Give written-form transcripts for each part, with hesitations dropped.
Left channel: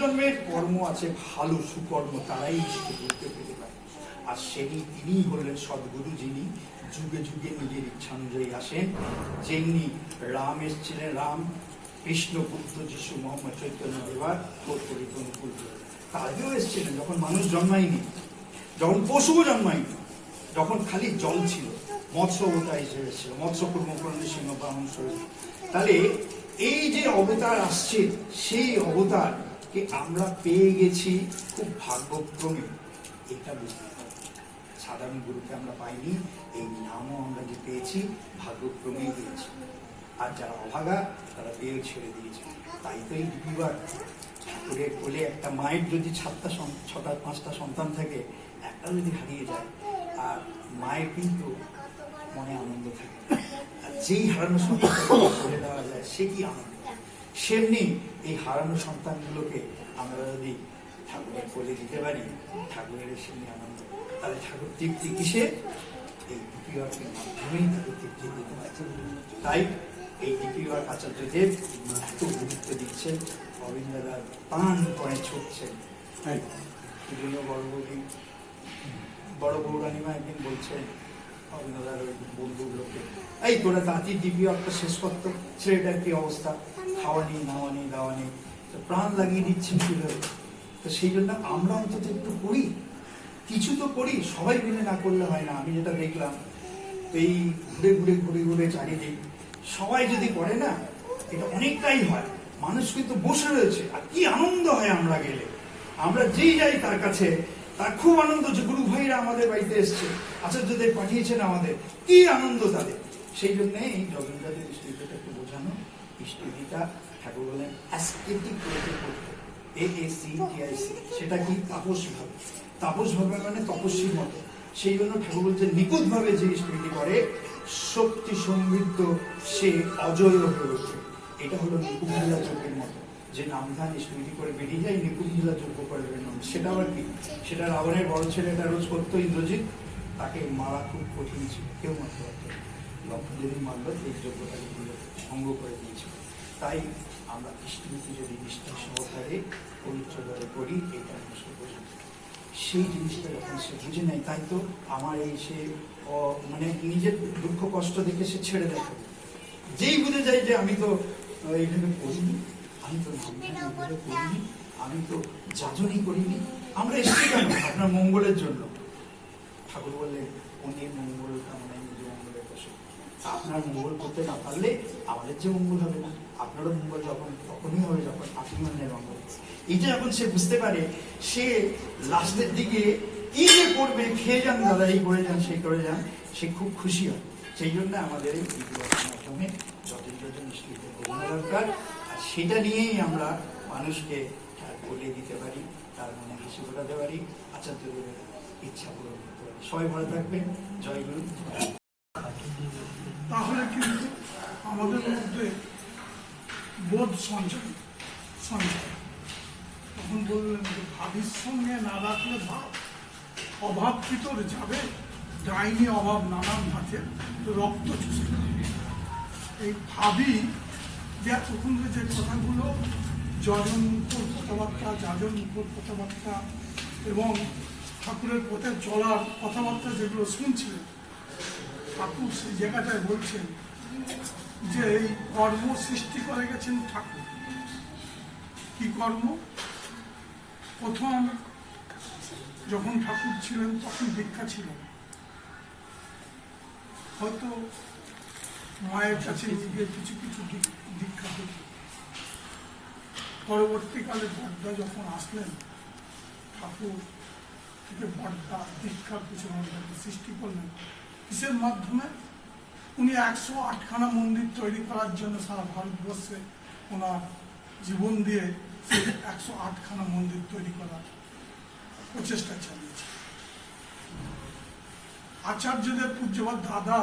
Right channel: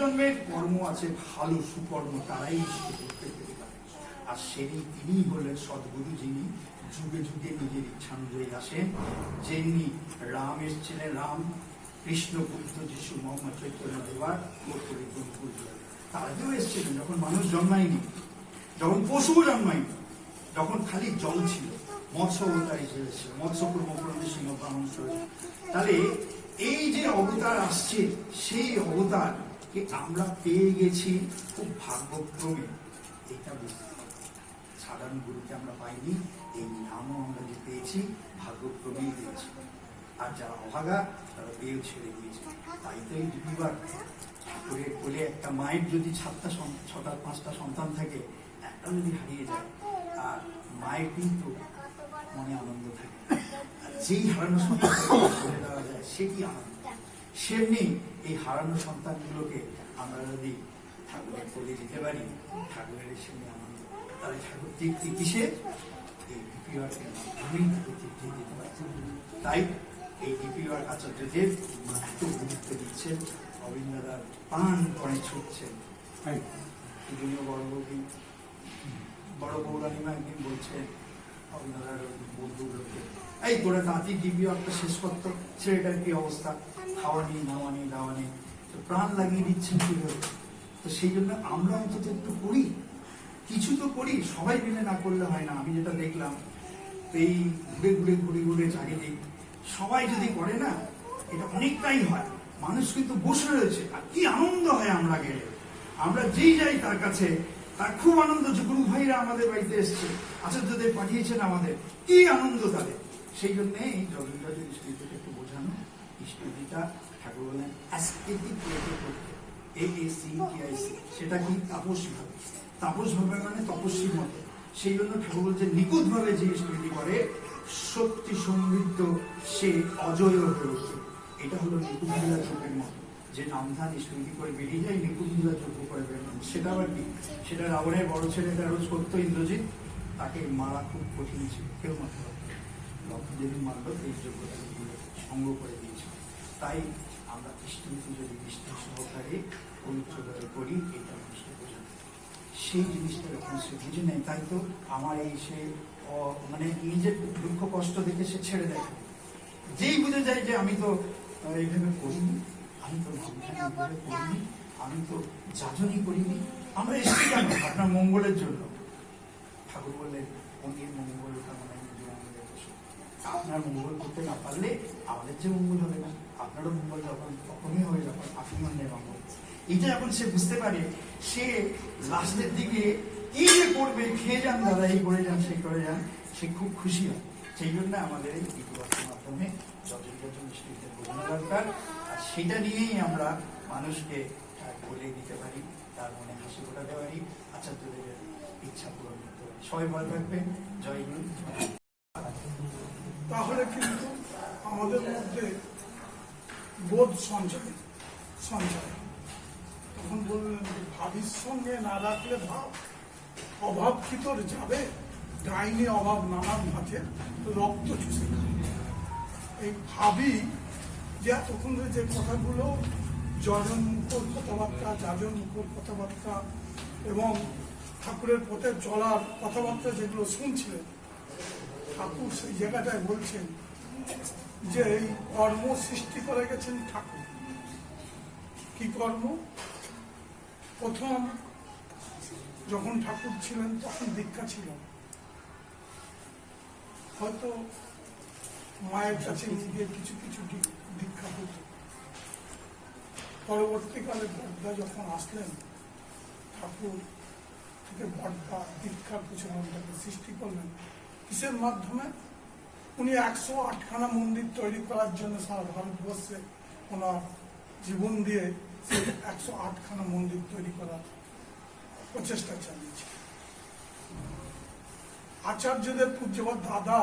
পূর্বজন্মের কর্ম আছে ভালো সুকর্ম, তারাই ইষ্টদেবকে পেতে পারে। আর তিনি হলেন সদ্গুরু, যিনি যুগে যুগে নিজের ইচ্ছানুযায়ী আসেন। যেমনি রাম এসেছিলেন, রাম কৃষ্ণ বুদ্ধ যিশু মোহাম্মদ চৈতন্য দেবার কর্তব্য অনুকূল, তাদেরও এসেছিলেন যখন মানুষ জন্মায়নি, যখন পশুও জন্মায়নি, যখন খালি জল ছিল, মৎস্য অবতার হিসেবে এসেছিল, মৎস্য কুর্মকরণ সিংহ বাহন। তাহলে এই যে অবতার আসছে, সেই অবতারকে আমরা পেয়ে গেছি খুব ভাগ্যক্রমে। এটা বুঝতে হবে, সাধারণ গুরুকে আমরা পাইনি, এই নামও আমরা যে পেয়েছি ভাগ্যক্রমেই পেয়েছি। আর যারা অভাগা তারা পেয়ে ছেড়ে দিয়েছে। তাই তো এই বিবাহ ঠাকুরের কোলে একটা মায়ের যদি ছটা পাঁচটা সন্তান থাকে, একটা যদি হারিয়ে যায়, আর মায়ের কিন্তু মনে আনন্দ থাকে। আর যেই হারানো সন্তানকে করে দেওয়া যায়, সে কি আনন্দ। সেমনি এই হারানো সন্তানগুলোকে আমরা যদি ঠাকুরের কোলে দিতে পারি, ঠাকুরের সেমনি আনন্দ। তাহলে ঠাকুর তৃপ্তি কিসে? এই বিবাহের মাধ্যমেই তাকে তৃপ্তি দিতে পারছে। তাই এই ডিপিওয়ার আচার্যদেব এত গুরুত্ব দিচ্ছেন, গোবিন্দদার প্রাণ পণে ছুটছেন। বিভিন্ন বড় গৌরানীমা একদিন বলছেন গোবিন্দদার বন্ধুগুলোকে, এই তোরা দাঁতি ডিপিওয়ারটা শেষ করতো, ছেলেটার কি অবস্থা, খাওয়ানি নাওয়ানি দাওয়ানি, তো প্রাণ লাগিয়ে দিচ্ছেন কিভাবে। তো সেই জন্য আমরা অন্তত একটু করি, কিছু তো করি, সবাই মিলে না করলে হয় না। আমি যেটা দেখলাম, এই ঘুরে ঘুরে চারিদিক সবাই যদি করে না, এটা অনেকটাই হয়। মানুষ কিন্তু বসে রয়েছে, আর কি আনন্দ হয় আমরা গেলে। আমরা যেই যাই তার কাছে, তার খুব আনন্দ যে গুরু ভাইরা আমাদের বাড়িতে এসছে, আচার্যদের পাঠিয়েছেন আমাদের, কি আনন্দ তাদের। সেই জন্য এই রবীন্দ্রনাথের স্মৃতিটা একটু বোঝানো। স্মৃতিটা ঠাকুর বলেন অ্যাসকেটিক ওয়েতে করতে, AACTIC, সেটা কি? তাপস ভাবে। তাপস ভাবে মানে তপস্বীর মতো। সেই জন্য ঠাকুর বলছে নিখুঁত ভাবে যে স্মৃতি করে, শক্তি সমৃদ্ধ সে অজয় প্রদর্শন। এটা হলো নিকুঞ্জলা যোগের মতো, যে নামধান স্মৃতি করে বেরিয়ে যায়, নিকুঞ্জলা যোগ্য করে বেরোন। সেটা আবার কি? সেটা রাবণের বড় ছেলেটা রোজ করতো ইন্দ্রজিৎ, তাকে মারা খুব কঠিন ছিল, কেউ মারতে পারত না। লক্ষদিন মারল, এই যোগ্যতা ভঙ্গ করে দিয়েছিল। তাই আমরা স্মৃতি যদি নিষ্ঠা সহকারে পবিত্রভাবে করি, এটা মানুষকে বোঝে। সেই জিনিসটা যখন সে বুঝে নেয়, তাই তো আমার এই সে মানে নিজের দুঃখ কষ্ট দেখে সে ছেড়ে দেয়। যেই বুঝে যায় যে আমি তো এইভাবে করিনি, আমি তো এইভাবে করিনি, আমি তো যাজনই করিনি, আমরা এসেছি কেন? আপনার মঙ্গলের জন্য। ঠাকুর বললেন অন্যের মঙ্গল কামনায় নিজের মঙ্গলের বসে। আপনার মঙ্গল করতে না পারলে আমাদের যে মঙ্গল হবে না। আপনারও মঙ্গল তখনই হবে যখন আপনি অন্যের মঙ্গল। এটা এখন সে বুঝতে পারে, সে লাস্টের দিকে কি যে করবে, খেয়ে যান দাদা, এই করে যান সেই করে যান, সে খুব খুশি হয়। সেই জন্য আমাদের এই মাধ্যমে যত নিশ্চিত বোঝানো দরকার। আর সেটা নিয়েই আমরা মানুষকে বলে দিতে পারি, তার মনে হাসি ফোটাতে পারি, আচার্যদের ইচ্ছা পূরণ করতে পারি। সবাই ভালো থাকবেন। জয় গুরু। তাহলে কিন্তু আমাদের মধ্যে বোধ সঞ্চয়, তখন বললেন যে ভাবির সঙ্গে না রাখলে ভাব, অভাব কি তোর যাবে, ডাইনি অভাব নানান ভাতে রক্ত চুষে। এই ভাবি যে তখন যে কথাগুলো জনমুখর কথাবার্তা, যাজনমুখর কথাবার্তা এবং ঠাকুরের পথে চলার কথাবার্তা যেগুলো শুনছিলেন, ঠাকুর সেই জায়গাটায় বলছেন যে এই কর্ম সৃষ্টি করে গেছেন ঠাকুর। কি কর্ম? প্রথম যখন ঠাকুর ছিলেন তখন দীক্ষা ছিল, হয়তো মায়ের কাছে গিয়ে কিছু কিছু দীক্ষা হতো। পরবর্তীকালে বর্দা যখন আসলেন, ঠাকুর থেকে বর্দা দীক্ষার কিছু মন্দিরকে সৃষ্টি করলেন। কিসের মাধ্যমে? উনি 108খানা মন্দির তৈরি করার জন্য সারা ভারতবর্ষে ওনার জীবন দিয়ে সেই 108খানা মন্দির তৈরি করার প্রচেষ্টা চালিয়েছে। আচার্যদের পূজ্যবাদ দাদা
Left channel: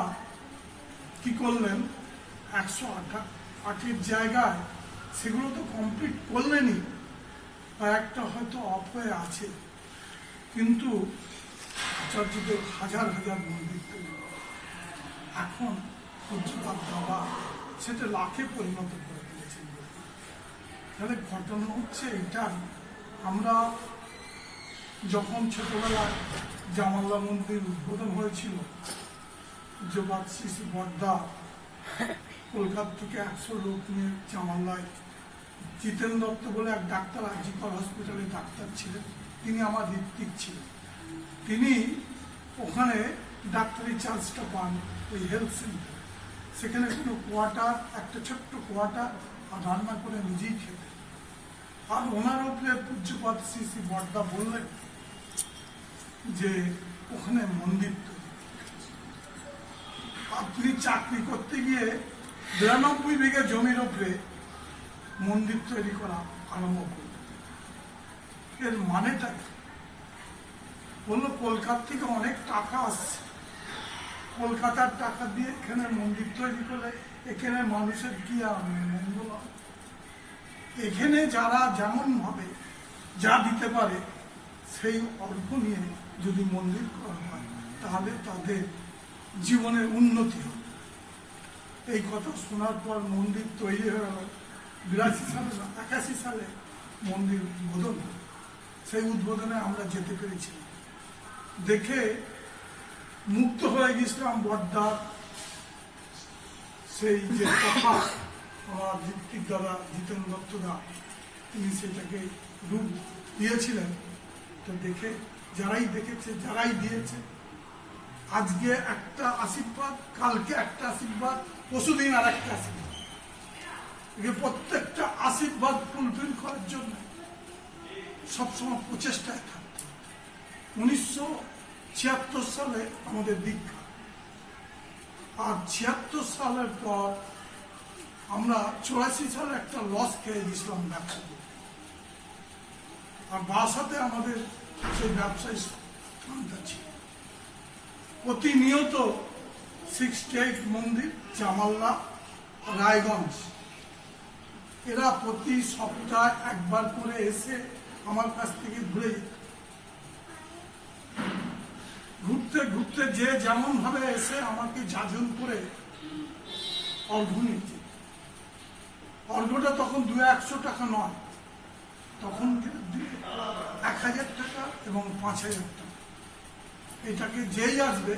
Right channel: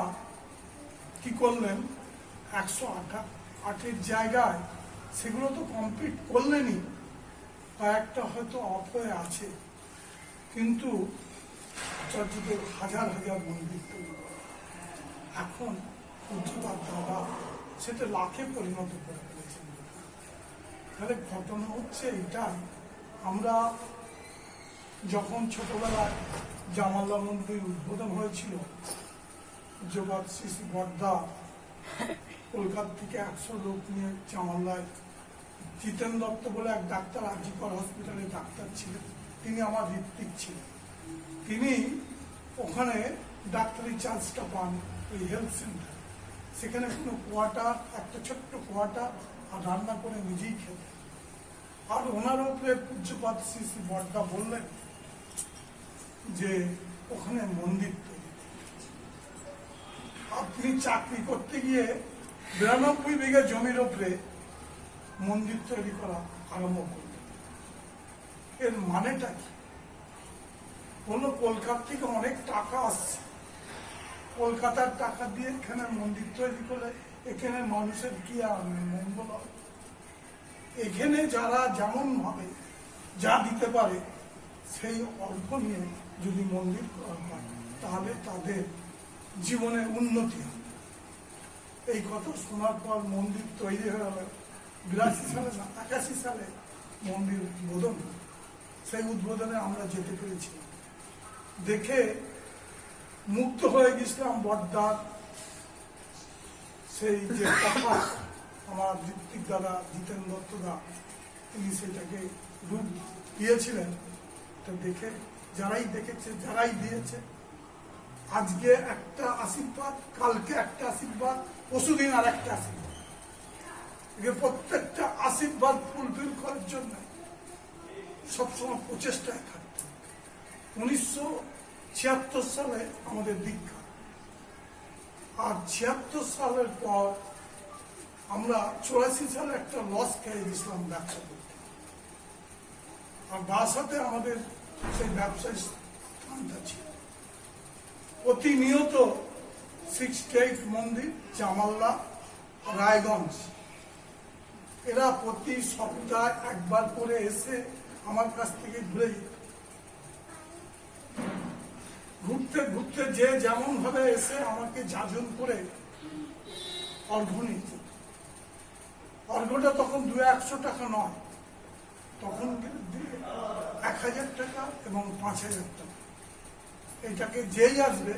কি করলেন? 108 জায়গায় সেগুলো তো কমপ্লিট করলেনই, একটা হয়তো অফ হয়ে আছে, কিন্তু আচার্যদের হাজার হাজার মন্দির তৈরি। এখন পূজ্যবাদ দাদা সেটা লাখে পরিণত করে ফেলেছেন। তাহলে ঘটনা হচ্ছে এটা আমরা যখন ছোটবেলায় জামাল্লা মন্দির উদ্বোধন হয়েছিল, পূজ্যপাদ শ্রী শ্রী বর্দা কলকাতা থেকে 100 লোক নিয়ে জামাল্লায়, জিতেন দত্ত বলে এক ডাক্তার আজিকর হসপিটালে ডাক্তার ছিলেন, তিনি আমার ঋত্বিক ছিলেন। তিনি ওখানে ডাক্তারি চার্জটা পান ওই হেলথ সেন্টার। সেখানে কোনো কোয়ার্টার, একটা ছোট্ট কোয়ার্টার, আর রান্না করে নিজেই খেতেন। আর ওনার উপরে পূজ্যপাদ শ্রী শ্রী বর্দা বললেন যে ওখানে মন্দির তৈরি। আপনি চাকরি করতে গিয়ে 92 বিঘা জমির উপরে মন্দির তৈরি করা আরম্ভ করলেন। এর মানেটা কি? বললো কলকাতা থেকে অনেক টাকা আসছে, কলকাতার টাকা দিয়ে এখানে মন্দির তৈরি করলে এখানে মানুষের কি আর মঙ্গল হবে? এখানে যারা যেমন ভাবে যা দিতে পারে সেই অর্থ নিয়ে যদি মন্দির করা হয় তাহলে তাদের জীবনের উন্নতি হবে। এই কথা শোনার পর মন্দির তৈরি হয়ে গেল 82 সালে না 81 সালে মন্দির উদ্বোধন হয়। সেই উদ্বোধনে আমরা যেতে পেরেছিলাম, দেখে মুগ্ধ হয়ে গেছিলাম। বর্দার সেই যে কথা, আমার ঋত্বিক দাদা জিতেন দত্তদা তিনি সেটাকে রূপ দিয়েছিলেন। তো দেখে যারাই দেখেছে, যারাই দিয়েছে, আজকে একটা আশীর্বাদ, কালকে একটা আশীর্বাদ, পরশুদিন আর একটা আশীর্বাদ, প্রত্যেকটা আশীর্বাদ ফুলফিল করার জন্য সবসময় প্রচেষ্টায় থাকতে। 1976 সালে আমাদের দীক্ষা, আর 76 সালের পর আমরা 84 সালে একটা লস খেয়ে গেছিলাম ব্যবসা করতে। আর বাসাতে আমাদের সেই ব্যবসায়ী স্থানটা ছিল। প্রতিনিয়ত 68 মন্দির, জামাল্লা, রায়গঞ্জ, এরা প্রতি সপ্তাহে একবার করে এসে আমার কাছ থেকে ঘুরে যেত। ঘুরতে ঘুরতে যে যেমন ভাবে এসে আমাকে যাজন করে অর্ঘ্য নিতে। অর্ঘ্যটা তখন 200-100 টাকা নয়, তখন 1000 টাকা এবং 5000 টাকা। এটাকে যেই আসবে,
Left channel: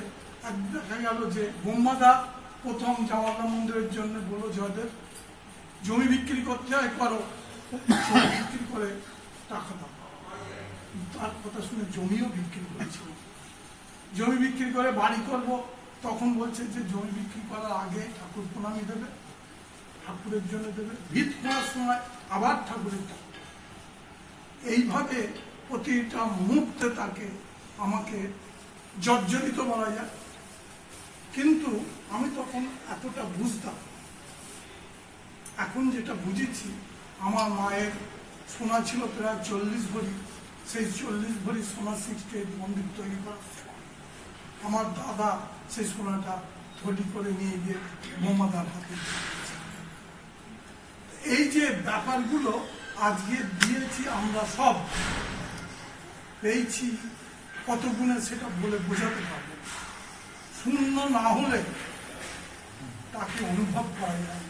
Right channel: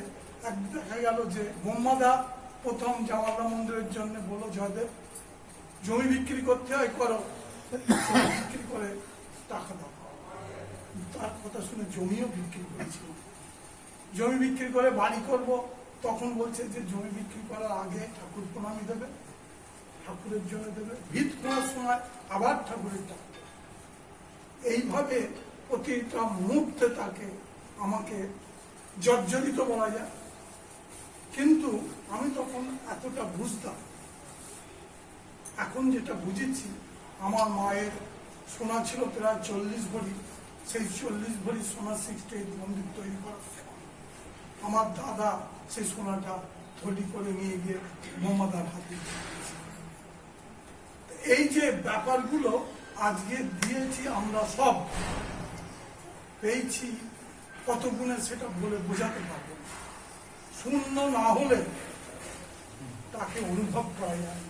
দেখা গেল যে বোম্মাদা প্রথম জামাল্লা মন্দিরের জন্য বললো, জয়দেব জমি বিক্রি করতে হয়, করো, বিক্রি করে টাকা দাও। তার কথা শুনে জমিও বিক্রি করেছিল। জমি বিক্রি করে বাড়ি করব, তখন বলছে যে জমি বিক্রি করার আগে ঠাকুর প্রণামী দেবে, ঠাকুরের জন্য দেবে, ভিত করার সময় আবার ঠাকুরের টাকা। এইভাবে প্রতিটা মুহূর্তে তাকে আমাকে জর্জরিত বলা যায়। কিন্তু আমি তখন এতটা বুঝতাম, এখন যেটা বুঝেছি, আমার মায়ের সোনা ছিল প্রায় 40 ভরি, সেই 40 ভরি সোনা 68 মন্দির তৈরি করা। আমার দাদা সেই সোনাটা থলি করে নিয়ে গিয়ে মোহাম্মদার হাতে দিয়েছে। এই যে ব্যাপারগুলো আজকে দিয়েছি আমরা, সব পেয়েছি কত গুণে সেটা বলে বোঝাতে পারবো। শূন্য না হলে তাকে অনুভব করা যায়,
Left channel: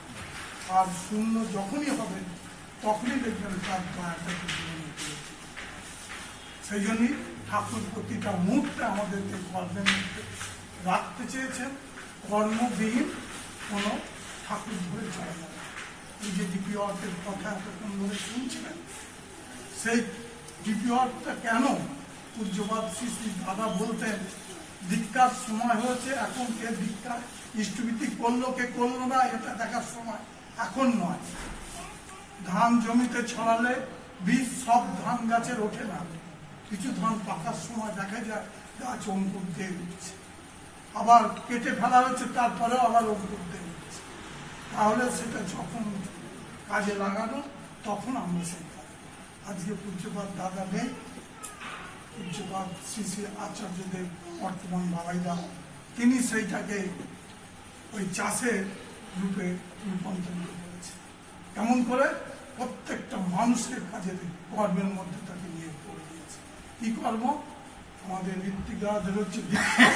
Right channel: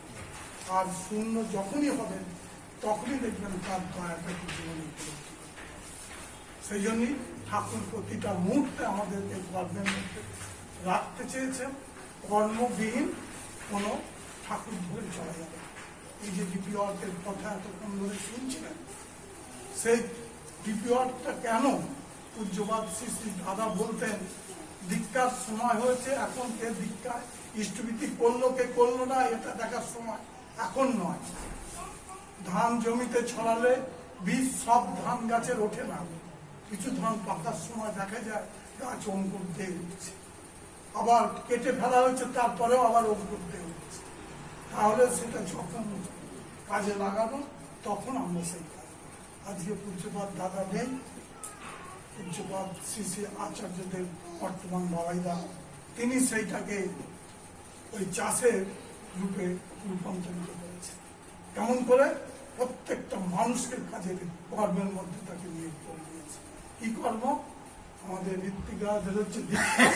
আর শূন্য যখনই হবে তখনই দেখবেন তার দয়াটা জীবনে করেছে। সেই জন্যই ঠাকুর প্রতিটা মুহূর্তে আমাদের এই কর্মের মধ্যে রাখতে চেয়েছেন। কর্মবিহীন কোনো ঠাকুর ধরে চলা যাবে। এই যে ডিপি অর্থের কথা এতক্ষণ ধরে শুনছিলেন, সেই ডিপি অর্থটা কেন পূজ্যপাদ শ্রী শ্রী দাদা বলতেন, দীক্ষার সময় হয়েছে, এখন কে দীক্ষার ইষ্টবিধি করলো কে করলো না এটা দেখার সময় এখন নয়। ধান জমিতে ছড়ালে বীজ সব ধান গাছের ওঠে না, কিছু ধান পাকার সময় দেখা যায় গাছ অঙ্কুর দিয়ে উঠছে, আবার কেটে ফেলা হয়েছে তারপরেও আবার অঙ্কুর দিয়ে উঠছে। তাহলে সেটা যখন কাজে লাগানো তখন আমরা সেই কাজ। আজকে পূজ্যপাদ দাদা নেই, পূজ্যপাদ শ্রী শ্রী আচার্যদেব বর্তমান বাবাইদা, তিনি সেইটাকে ওই চাষের রূপে রূপান্তরিত করেছে। কেমন করে? প্রত্যেকটা মানুষের কাজে কর্মের মধ্যে তাকে নিয়োগ করে দিয়েছে। কি কর্ম? আমাদের ঋত্বিকদের হচ্ছে দীক্ষা,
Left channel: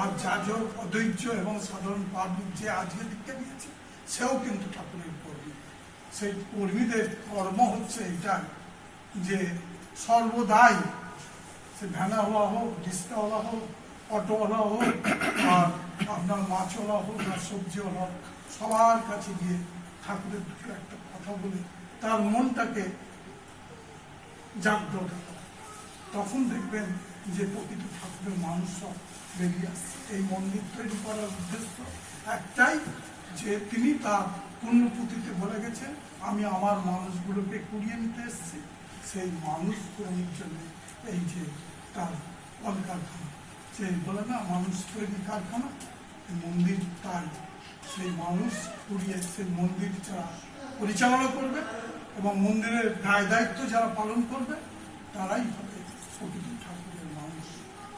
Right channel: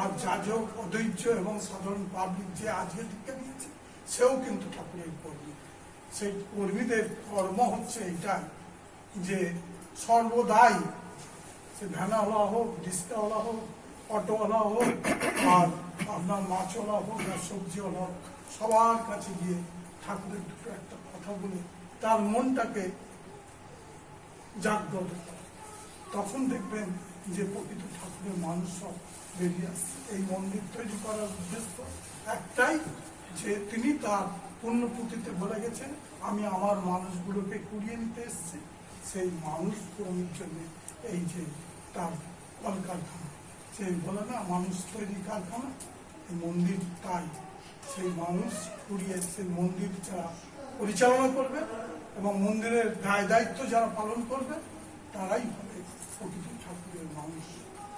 আর যাজক, অদ্বৈত এবং সাধারণ পাবলিক যে আজকে দীক্ষা দিয়েছে সেও কিন্তু ঠাকুরের কর্মী। সেই কর্মীদের কর্ম হচ্ছে এটা যে সর্বদাই সে ভ্যানাওয়ালা হোক, রিক্সাওয়ালা হোক, অটোওয়ালা হোক, আর আপনার মাছওয়ালা হোক আর সবজিওয়ালা হোক, সবার কাছে গিয়ে ঠাকুরের দুটো একটা কথা বলে তার মনটাকে জাগ্রত করে। তখন দেখবেন যে প্রকৃত ঠাকুরের মানুষ সব বেরিয়ে আসছে। এই মন্দির তৈরি করার উদ্দেশ্য একটাই, যে তিনি তার পুণ্যপুঁথিতে বলে গেছেন, আমি আমার মানুষগুলোকে কুড়িয়ে নিতে এসেছি, সেই মানুষ পূরণের জন্য এই যে তার কলকারখানা, সেই বলে না মানুষ তৈরি কারখানা, এই মন্দির তাই। সেই মানুষ কুড়িয়ে সেই মন্দির যারা পরিচালনা করবে এবং মন্দিরের দায় দায়িত্ব যারা পালন করবে তারাই হবে প্রকৃত ঠাকুরের মানুষ।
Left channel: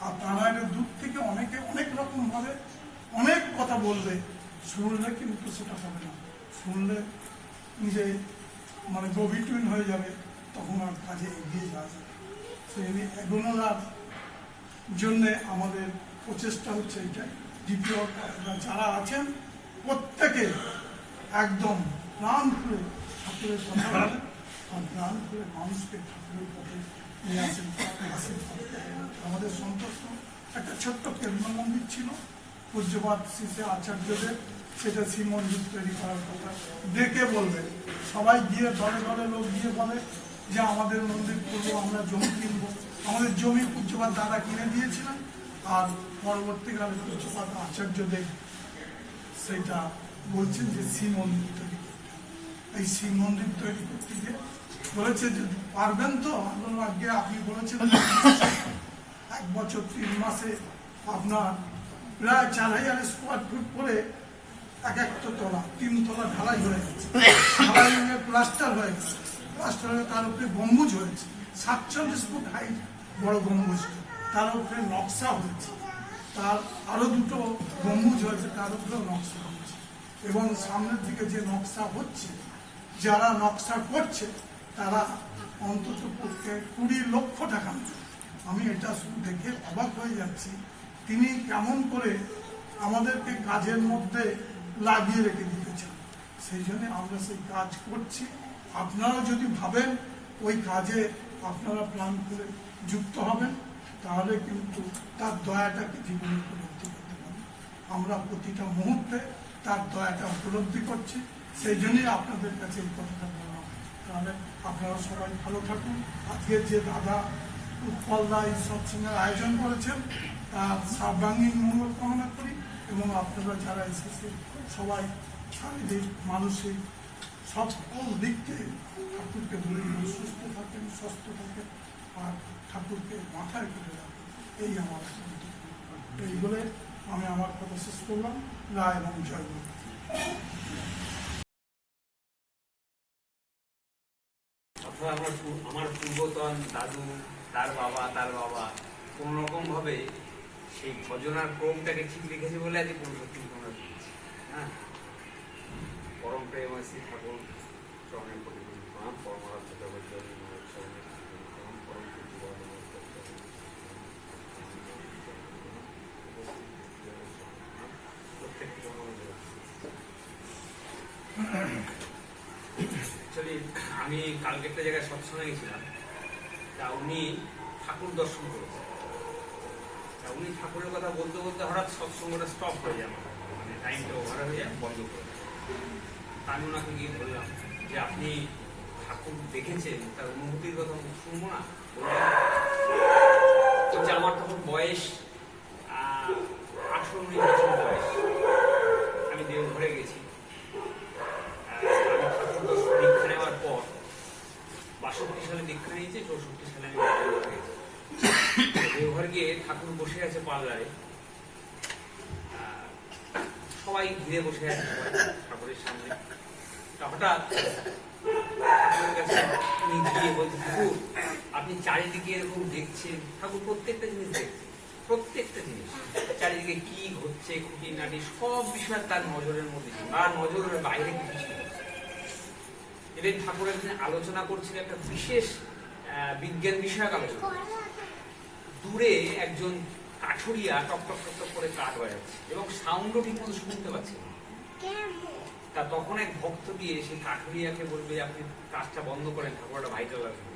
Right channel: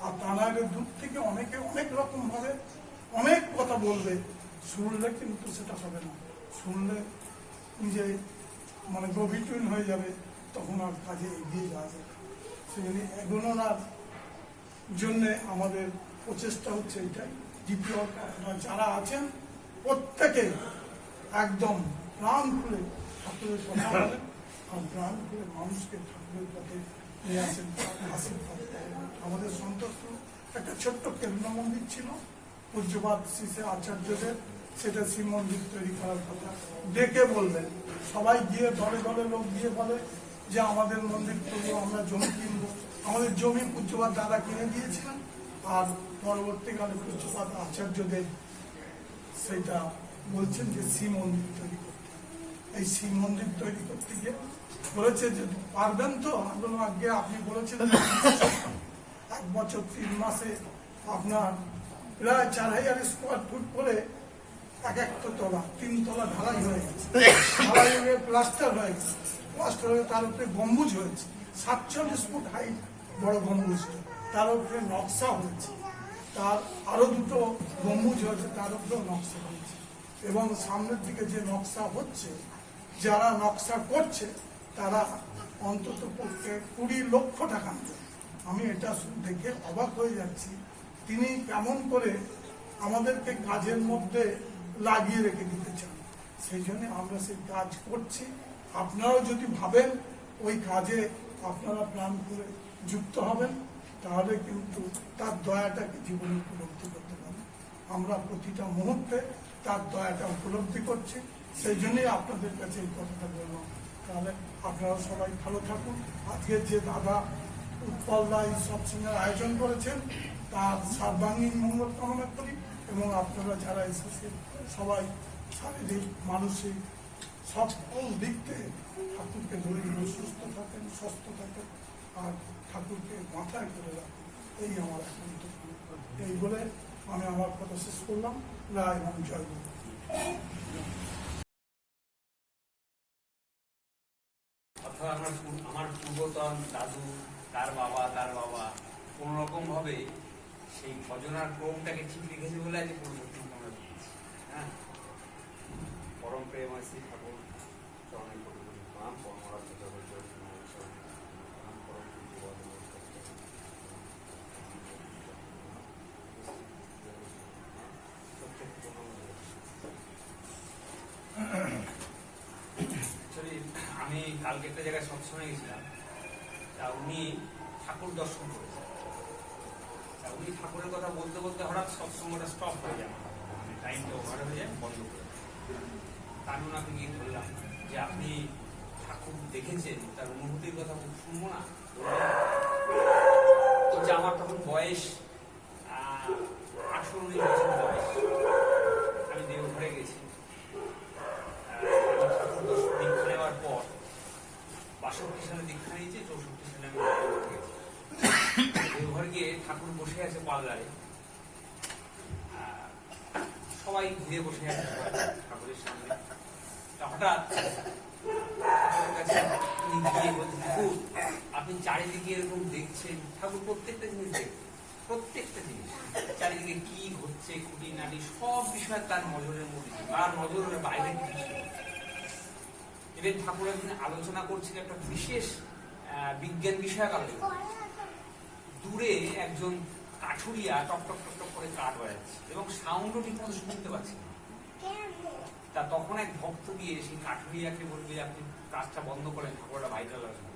আর তারা দূর থেকে অনেকে অনেক রকম ভাবে অনেক কথা বলবে, শুনলে কিন্তু সেটা হবে না। শুনলে নিজে মানে গভীর হয়ে যাবে, তখন আর কাজে এগিয়ে যাওয়া যাবে। সেই এগোনোর জন্যে আমাদের প্রচেষ্টা হচ্ছে এটাই। দ্বিতীয়, আপনারা যারা আছেন প্রত্যেকে একদম প্রাণ খুলে ঠাকুরের কথা বলেন, আর প্রাণ খুলে মানুষকে ঠাকুরের পথে নিয়ে আসেন, আশীর্বাদ করেন। আমাদের সন্তোষ একটা ছোট্ট কেন্দ্র মন্দির ছিল, পূজ্যপাত শ্রী শ্রী আচার্যদের, সেটা শিব মন্দির তৈরি করার কথা দেখে বলবেন। সবাই গিয়ে দলে দলে লোক গিয়ে বলে যে আমাদের মন্দির করবো, আমরা জমি কিনবো। আমাদের জমি পূজ্যপাত দাদা কিনে দিয়েছিলেন, আর পরবর্তীকালে পূজ্যপাত আচার্যদের সেটা বলছেন যে শিব মন্দির তৈরি করতে। এই শিব মন্দির তৈরি করতে গিয়ে বলেছে যে পারবেন তো? আমরা আগে আপনি বলেছেন 1 বছর 3 মাসে আপনার প্রায় 4000 স্কোয়ার ফুট করে এক একটা তলা, 3 তলা ঢালাই হয়ে গেছে, ঢালাই হয়ে প্লাস্টার হয়ে গেছে, প্লাস্টার হয়ে তার উপরে গম্বুজ হয়েছে, 47 ফুট হাইট বড় গম্বুজ, তার উপরে নকশা হয়েছে, তার আরো 2টো গম্বুজ হয়েছে, তার উপরেও নকশা হয়েছে। এবং সামনের দিকে যে নকশা হচ্ছে, যারা নকশা করছে তারা অন্তত 20 লক্ষ টাকা নেবে। আমি এটা শুধু দেখে অবাক হয়ে যাচ্ছি, তিনি কেমন করে আমাদেরকে কাজের মধ্যে লাগিয়ে রেখে দিতে চান। সেই জন্য আমরা সেই কাজ করছি। আপনারাও যদি ভাবেন ওই কাজে আপনারা প্রাণ করে যুক্ত হবেন, তাহলে কিন্তু তার দয়াটাকে জীবনে উপলব্ধি করতে পারবেন। আমরা প্রতিটা মুহূর্তে তার দয়াটা উপলব্ধি করছি, সেই জন্যই আপনাদের কাছে এই কথাটা বললাম। তাহলে আপনারা সবাই ভালো থাকুন। আজকে যে দাদা উৎপলদা এই সৎসঙ্গের আয়োজন করেছেন, তার সর্বাঙ্গীন মঙ্গল কামনা করি, এবং আপনারা যারা এসেছেন সবাই শারীরিক মানসিক সকল দিক থেকে ঠাকুরকে ধরে সুস্থ থাকেন, সুস্থ থাকেন, আর ঠাকুরকে মাথায় করে রাখেন, এই আমার এই বলে আমি আমার কথা শেষ করলাম। রায় এবং জয় গুরু। আমার পূর্বতন দাদু, তার বাবা কোন রকম ভাবে সেই ভজনার ক্রমটাকে ঠিক রেখেছে বলে আজকে পরিবর্তন আমরা পেয়েছি। হ্যাঁ, পরম প্রেমাসী ঠাকুর চরণে কোটি কোটি প্রণাম। পরমারাধ্য জগৎ আমি কালকে একটা জায়গায় সৎসঙ্গে গেছিলাম, তা উনি ঠাকুর দর্শন করেছেন। তা উনি ঠাকুরের কথা বলতে বলতে হঠাৎ সৎসঙ্গটা স্টপ হয়ে যাবে, মানে টাইমটা ওভার হয়ে বন্ধ করে। আমি ওনাকে গিয়ে বললাম যে আপনি ঠাকুর দেখেছেন, তার অনুভূতির কথা শুনবো না? যে আমার তখন বয়স 18-19 বছর বয়স, আমি দেওঘরে গেছি। ঠাকুর দীক্ষা নেওয়ার পর 62 সালে দীক্ষা নিয়েছে, 64 সালে আমি দেওঘর গিয়ে ঠাকুর বসে আছে পাল্লায়, সবাই ঘিরে বসে আছে ঠাকুরের সামনে। হঠাৎ ঠাকুরের কাছে গিয়ে বলছে, ঠাকুর আপনি চারিদিকে এরকম দেখছেন, ঠাকুর প্রত্যেকটা জিনিস দেখছেন, প্রত্যেকটা জিনিস চারিদিকে কি হচ্ছে, খুঁটিনাটি সব বিষয় তার নজরের মধ্যে, তার নজরের বাইরে কিছু ছিল। এবার ঠাকুর একদিন আলোচনা করছিল একটা বিশেষ বিজ্ঞান বিষয়ক আলোচনা। দূরে একজন কাঠুরিয়া টক টক টক টক করে কাঠ বাজাচ্ছে এবং সাউন্ডও ঠিক মতো শুনতে পাচ্ছে না। তা তখন এক ভক্ত গিয়ে সেই কাঠুরিয়াকে বলবে, আপনি কাজটা বন্ধ করেন, ঠাকুরটা ভাইটাল লাগবে।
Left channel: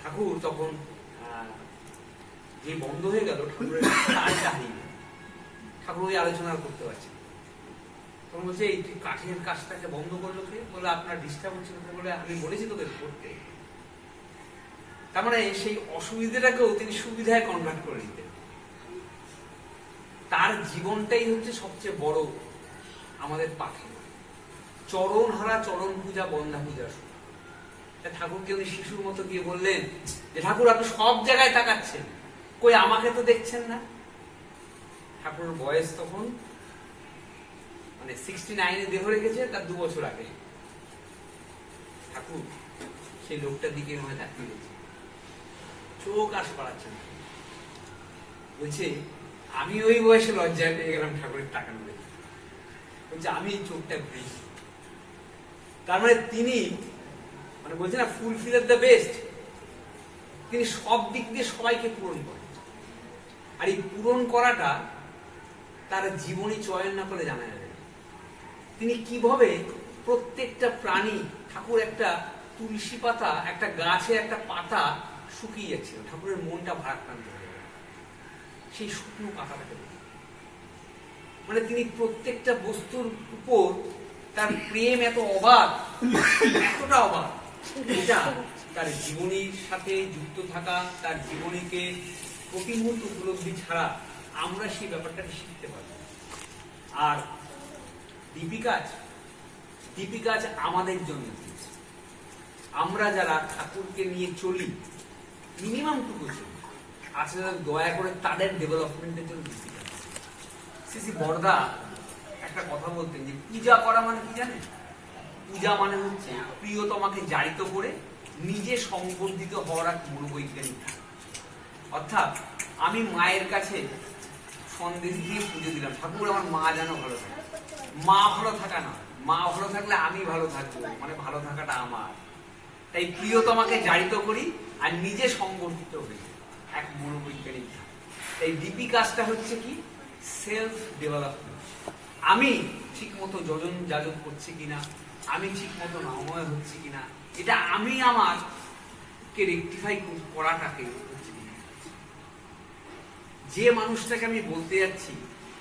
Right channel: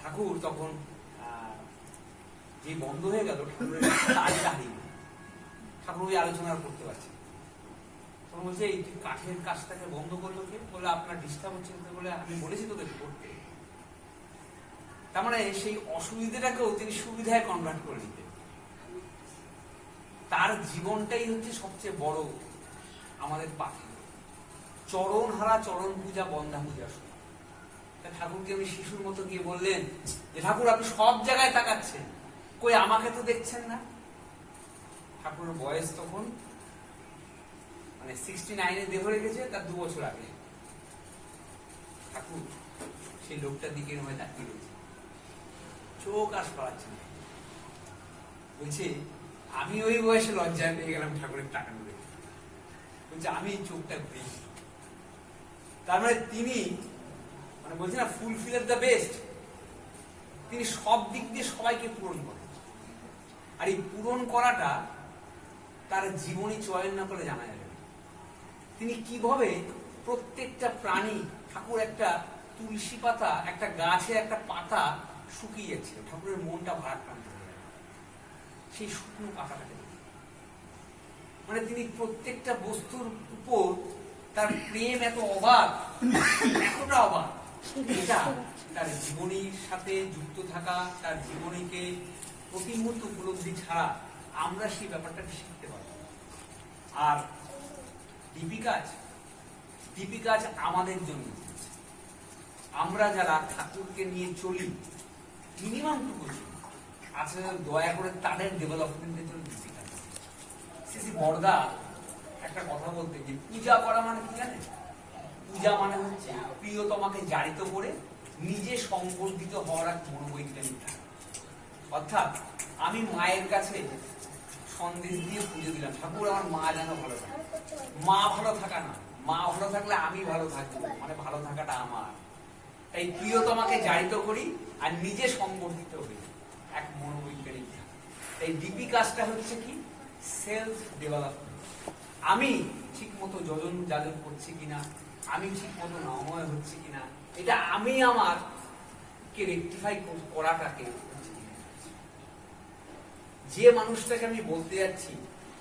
ঠাকুর তখন যে বন্ধ হয়ে গেল, ঠাকুরের তারটা হারিয়ে গেল। ঠাকুর ওই আলোচনা করতে পারছে না। তখন বলছে এই তুই কাঠের কাজটাকে বন্ধ করলো কে? বলে আপনার ডিস্টার্ব হচ্ছে বলে আমি বলেছি তোকে করতে। তার মানে সেই অসুবিধাটাকেও তিনি সুবিধায় কনভার্ট করে নিতেন। তার জীবনটাই হচ্ছে সবচেয়ে বড় আমাদের পাখি। চরণ হারা চরণ পূজা বন্ধা পূজা। ঠাকুরকে উনি শিশুর মতো গিয়ে বললেন যে ঠাকুর আপনি সব জায়গায় তাকাচ্ছেন, কই আমাকে তো দেখছেন না। ঠাকুরের বয়স তখন মানে 69-এ দেহ রেখেছে, তার 2 বছর আগে। ঠাকুর সেই লোকটার দিকে তাকিয়ে রয়েছে, চোখ আর সরাচ্ছেন। বলছে আমি ওই বয়সে লজ্জায় পেয়ে গেলাম ঠাকুরের তাকানো দেখে। বলছে আমি চোখটা ঘুরেছি। তার মানে তিনি মানে বলছে না ফুলফিল দ্য বেস্ট, তিনি সব দিক দিয়ে সবাইকে পূরণ করেন। আর এই পূরণ করাটা তার জীবনী চয়ন না করে জানা যাবে। তিনি কিভাবে প্রত্যেকটা প্রাণী, ঠাকুর একটা তুলসী পাতা, একটা গাছে একটা পাতা শুকিয়ে যাচ্ছিল, ঠাকুরের মনটা ভারাক্রান্ত হয়ে গেল সেই শুকনো পাতাটাকে। মানে তিনি প্রত্যেকটা বস্তুর উপর তার প্রেম এত অবাধ, এতটা অবাধ, এটা তার জীবনীর সাথে যুক্ত থাকা, তার জীবনীকে প্রতি মুহূর্তে উপলব্ধি ছাড়া আমরা সেই ব্যাপারটাকে শিখতে পারবো। আর দীপিকাজ আমাদের জন্য, আমরা যারা ঠাকুরকে নিয়ে চলি মিনিমাম টুকু আসলে দয়া করে তাদের ডেভেলপমেন্টের জন্য দীপিকা। শ্রী বরদা একটা কথা বলতেন যে পূজা করা মানে কি জানেন? পূজা মানে হচ্ছে প্রিয়তমাকে জারিত করে নিজে সংবর্ধিত হওয়ার এক মনোবৈজ্ঞানিক। অর্থাৎ আমি মায়ের কাছে সন্দেশ দিয়ে পুজো দিলাম, ঠাকুর আমার মা যেন ভালো থাকে। মা ভালো থাকা না, মা ভালো থাকলে আমি ভালো থাকবো, মানে ভালো থাকাটা আমার। তাই প্রিয়তমাকে জারিত করি আর নিজে সংবর্ধিত হই, এক মনোবৈজ্ঞানিক। তাই ডিপি কাজটা হচ্ছে কি সেলফ ডেভেলপমেন্ট। আমি ঠিক মতো যোজন যাজন করছি কিনা, আমি ঠিক মতো নাময় হচ্ছে কিনা, এটা আমি আমারকে রেকটিফাই করাটাকে হচ্ছে কিনা। যে মানুষটাকে আমি বলতে যাচ্ছি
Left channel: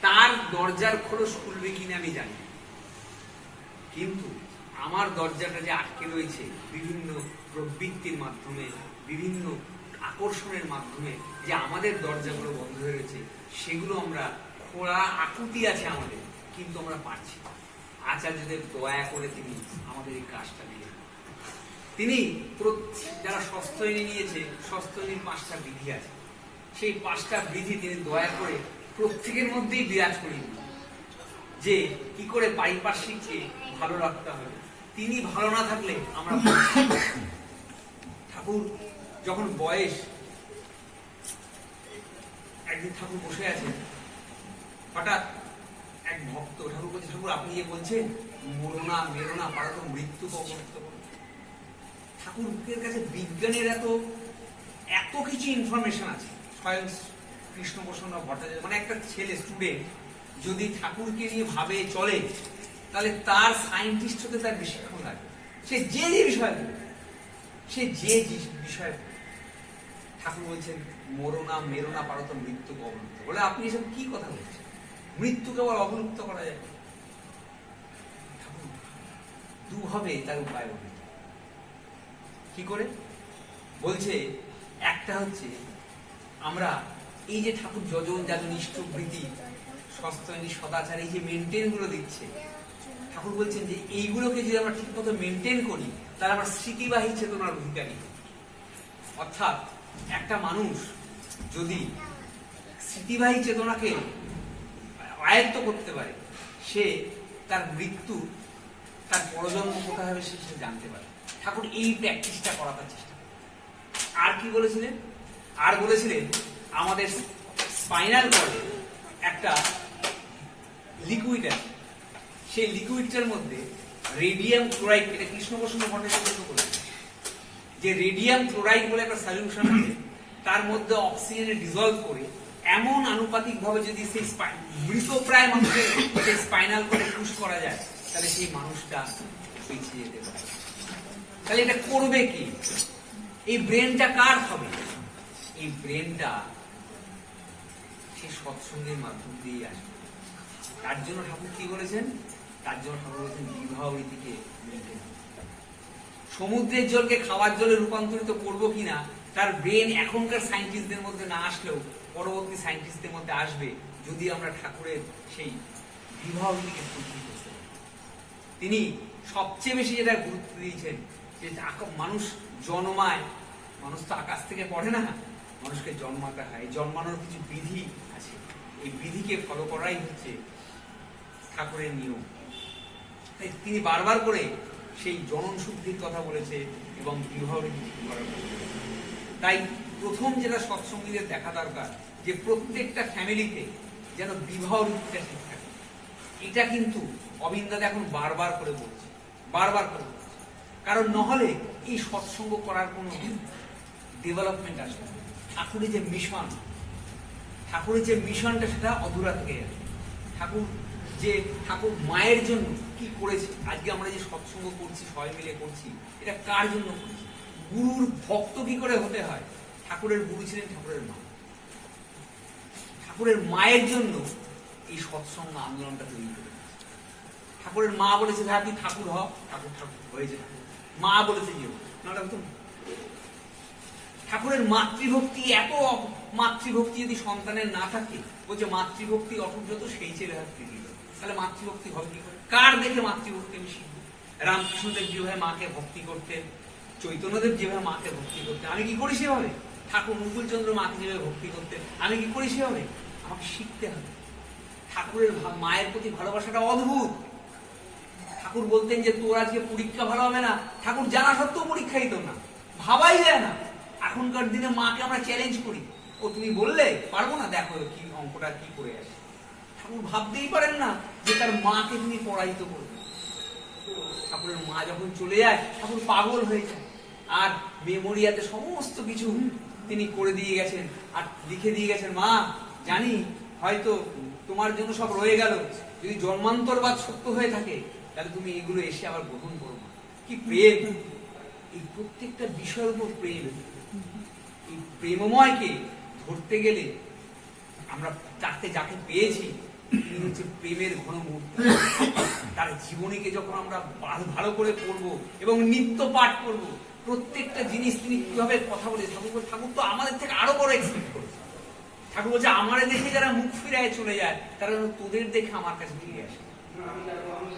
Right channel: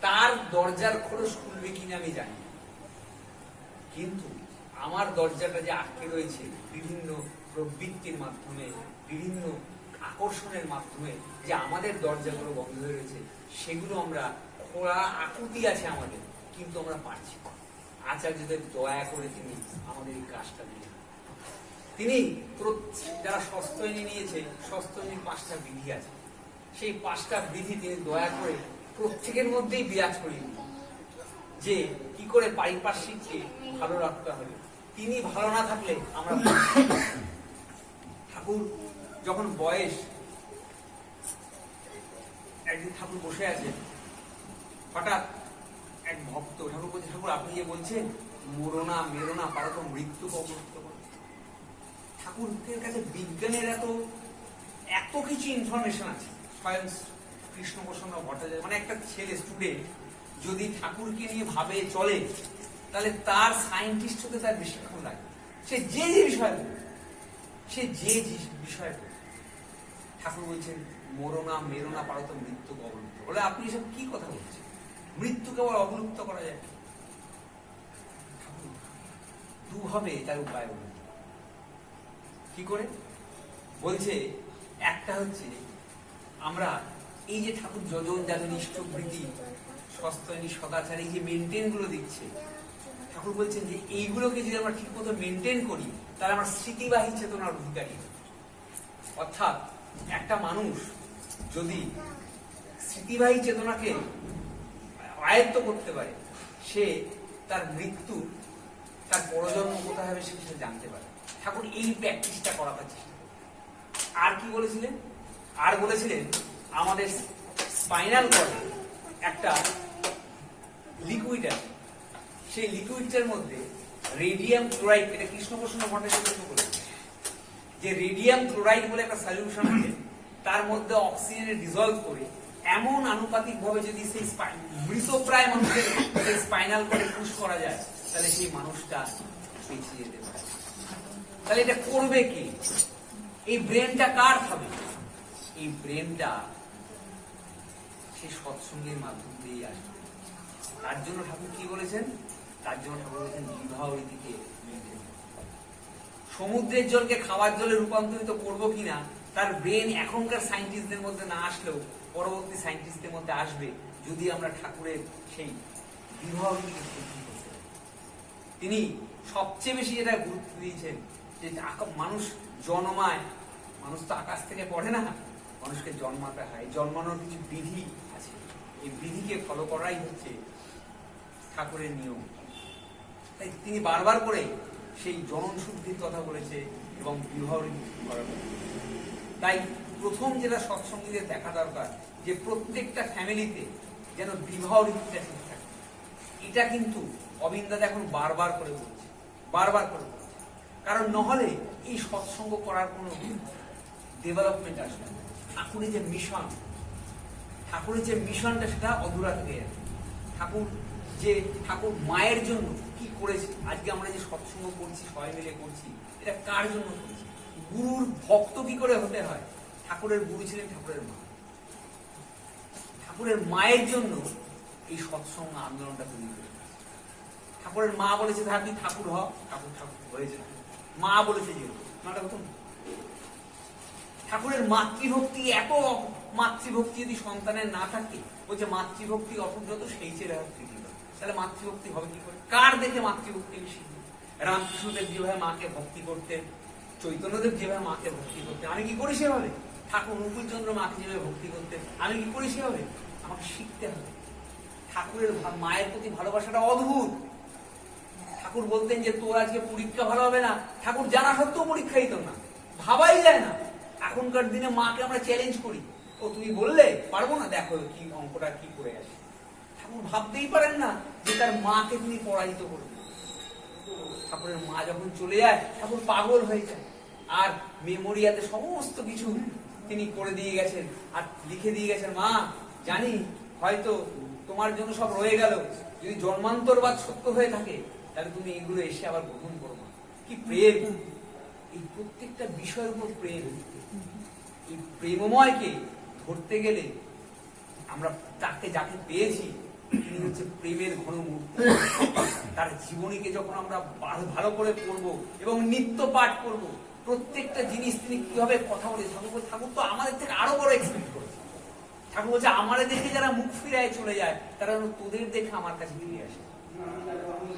তার দরজার খোলস খুলবে কিনা আমি জানি, কিন্তু আমার দরজাটা যে আটকে রয়েছে বিভিন্ন প্রবৃত্তির মাধ্যমে, বিভিন্ন আকর্ষণের মাধ্যমে, যে আমাদের দরজাগুলো বন্ধ হয়ে রয়েছে, সেগুলো আমরা খোলা আকুতি আছে আমাদের, কিন্তু আমরা পারছি। আচার্যদের দয়া করে তিনি আমাদের এই কাজটা দিয়ে, তিনি যারা স্বস্ত্যয়নী নিয়েছে, স্বস্ত্যয়নীর 5টা বিধি আছে, সেই 5টা বিধি তিনি দয়া করে প্রত্যেকের মধ্যেই বিরাজ করিয়ে দিন, যে কি করে পারিপার্শ্বিককে ভালো রাখতে হবে। তিনি ভালো না থাকলে আমরা ঠাকুর যখন বয়স, একদিন ঠাকুর বসে আছে, হঠাৎ এক ভক্ত ঠাকুর বলছে ঠাকুর আপনি যে বলছেন মরোনা মেরোনা পারা তো মৃত্যু কবলিত করে। ঠাকুরের কাছে বিজ্ঞানের এত কিছু ইনফরমেশন আছে। স্বয়ং কৃষ্ণপ্রসন্ন ভট্টাচার্য মানে একটা ছেলে স্টুডেন্ট যদি ঠাকুরকে নিয়ে ভাবে চলে, তাহলে তার সায়েন্টিস্ট হতে তার বেশিক্ষণ লাগে। সে যে বিষয় বলবে, ঠাকুর বলছেন মরোনা মেরোনা পারো তো মৃত্যু অবলুপ্ত। বলে আপনি এসব কি কথা বলছেন? মৃত্যু কেবল অবলুপ্ত করা যায়। দুভাবে তার উপায় বলে। কি করে বলছে? একটা হচ্ছে আমরা এই যে ঠাকুর যোজন যাজন ইষ্টবৃত্তি স্বস্ত্যয়নী সদাচার এই যে মেনটেন গুলো দিচ্ছে, ঠাকুর বলছেন যে এইগুলোকে যদি আমরা ঠিক মতো মেনটেন করি তাহলে আমরা স্মৃতিবাহী চেতনার অধিকারী। অর্থাৎ একটা মানুষ যদি স্মৃতিবাহী চেতনাকে আয়ত্ত করতে পারে, সে তার মৃত্যু, তার পরজন্ম কোথায় হবে সে জানতে পারে। ঠাকুর এই প্র্যাকটিসটা করাতে চেষ্টা। আর কি বলেছিলেন? আর বলেছিলেন আমাদের স্পাইনাল কর্ডে একটা লিকুইড আছে, সেই লিকুইডটার মধ্যে রেডিয়াম ক্লোরাইড, থেকে কৃষ্ণপ্রসন্ন ভট্টাচার্য বলেছেন যে রেডিয়াম ক্লোরাইড বলে একটা সলিউশন আছে, তার মধ্যে অক্সিজেনে ডিজলভ করে এমন আনুপাতিক ভাবে যদি সেই মৃতপ্রায় মানুষের সেই স্পাইনাল কর্ডে পুশ করা যায়, তাহলে সেই মানুষটা বেঁচে যেতে পারে। তাহলে এটা করবে কি? এই ব্রেনটা কার হবে? এই ব্রেনটা সেই সৎসঙ্গের মাধ্যম দিয়ে আসবে। তার জন্য ঠাকুর কি বলেছেন? তার জন্য ঠাকুর বলেছেন বিবাহ রীতিকে মেনটেন। সমুদ্রের জলকে খাওয়ার জলে রূপান্তরিত করবো কিনা তার ব্রেন এখনকার সায়েন্টিস্টদের মধ্যে না আসলেও পরবর্তী সায়েন্টিস্টদের মধ্যে আসবে, যদি আমরা ঠাকুরের সেই বিবাহ রীতিকে বুদ্ধি করতে পারি। তিনি সবচেয়ে বেশি যেটা গুরুত্ব দিয়েছেন যে মানুষ জন্মায়, মানুষ তো আকাশ থেকে পড়ে না, মানুষকে জন্মাতে হয়। জন্মানোর কিছু বিধি আছে, এই বিধিকে ফলো করাই হচ্ছে ঠাকুরের নিয়ম। তাই তিনি বারবার করে সেই জনন শুদ্ধির কথা বলেছে এবং বিবাহ রীতি করা হয়েছে। তাই প্রথম যেটা সৎসঙ্গীদের দেখা দরকার যে প্রত্যেকটা ফ্যামিলিতে যেন বিবাহ রীতিটা ঠিক থাকে। এটা কিন্তু অবিন্দাদা এখন বারবার করে বলছে, বারবার করে বলছে। কারণ নহলে এই সৎসঙ্গ করার কোনো ডেভেলপমেন্ট আসবে না। ঠাকুরের যে মিশনটা সেটা অধুরা থেকে যাবে। ঠাকুর মায়ের জন্য কি করেছে, আজকে আমরা যে সৎসঙ্গ করছি, সবাই মিলে করছি, এটা কার জন্য করছি? গুরুর ভক্ত কি করে হতে হয়? ঠাকুরের গুরু ছিলেন ঠাকুরের মা। ঠাকুরের মায়ের জন্য এই সৎসঙ্গ আন্দোলনটা তৈরি করে। ঠাকুরের মা বলেছে ভাই তুই ঠাকুর হ, ঠাকুর হয়েছে। মা বলেছে যে ঠাকুরের মাতৃভক্তি, এত মাতৃভক্তি যদি সন্তানের না থাকে, বলছে মাতৃভক্তি অটুট সেই ছেলে হাত থেকে, তাহলে মাতৃভক্তি হবে কি করে? কার দেখে মাতৃভক্তি আমি শিখব? রামকৃষ্ণদেব যেভাবে মাকে ভক্তি করতেন, চৈতন্যদেব যেভাবে মাকে ভক্তি করতেন, আমি কি করি সেভাবে? ঠাকুর মুকুলচন্দ্র মাকে যেভাবে ভক্তি করতেন, আমি কি করি সেভাবে? আমাকে শিখতে হবে। ঠাকুরের মায়ের প্রতি ভালোবাসাটা অদ্ভুত। ঠাকুর বলতেন যে তোর আজকে পরীক্ষা ভালো হবে না, ঠাকুর জানা সত্ত্বেও পরীক্ষা দিত না, ভাবাই যায় না। এখনকার দিনে মাকে আমরা চ্যালেঞ্জ করি, ও তুমি বললে পারবো না, দেখো কি অঙ্কটা কি করে আসে। ঠাকুর ভাবতেই পারেন না যে তার মাকে তিনি পড়াইতে করবেন। ঠাকুরের মা যখন চলে যায় ঠাকুর পাগল হয়ে যায়, আর মেমোরিয়াতে সমস্ত কিছু তিনি করে দিয়ে গেছেন আর লিখে দিয়ে গেছেন, মা জানি হয়তো তোমার জন্য সব রয়ে গেল, যদি জন্মান্তরবাদ সত্য হয়ে থাকে তাহলে তুমি এগুলো এসে আবার গ্রহণ করো। কি প্রেম! এই প্রত্যেকটা বিষয়ের উপর প্রেম। এই প্রেমময়কে ধরতে গেলে আমরা যাকে পেয়েছি তিনি হচ্ছে প্রেমের ঘনমূর্তি। তার জীবনীকে যখন আমরা ভালো করে পড়বো এবং নিত্য পাঠ করব, প্রত্যেকটা জিনিস তিনি কিভাবে কথা বলে, ঠাকুর তো আমাদের থেকে আরো বড় এক্সপেক্ট করেছে। ঠাকুর বলছে আমারে দেখে যারা মুখ ফিরায় চলে যায় তারা তোদের দেখে আমার কাছে ফিরে আসে।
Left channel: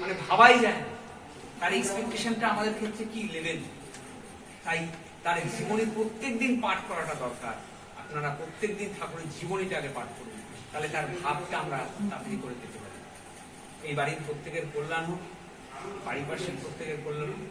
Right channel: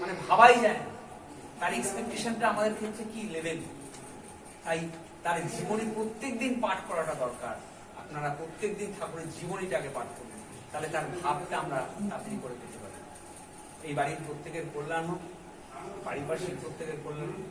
মানে ভাবাই যায় না তার এক্সপেকটেশনটা আমাদের ক্ষেত্রে কি লেভেল। তাই তার জীবনী প্রত্যেকদিন পাঠ করাটা দরকার। আপনারা প্রত্যেকদিন ঠাকুরের জীবনীটাকে পাঠ করবেন, তাহলে তার ভাবটা আমরা তাড়াতাড়ি করে পেতে পারি। এই বাড়ির প্রত্যেকের কল্যাণ হোক, পারিপার্শ্বিক প্রত্যেকের কল্যাণ হোক।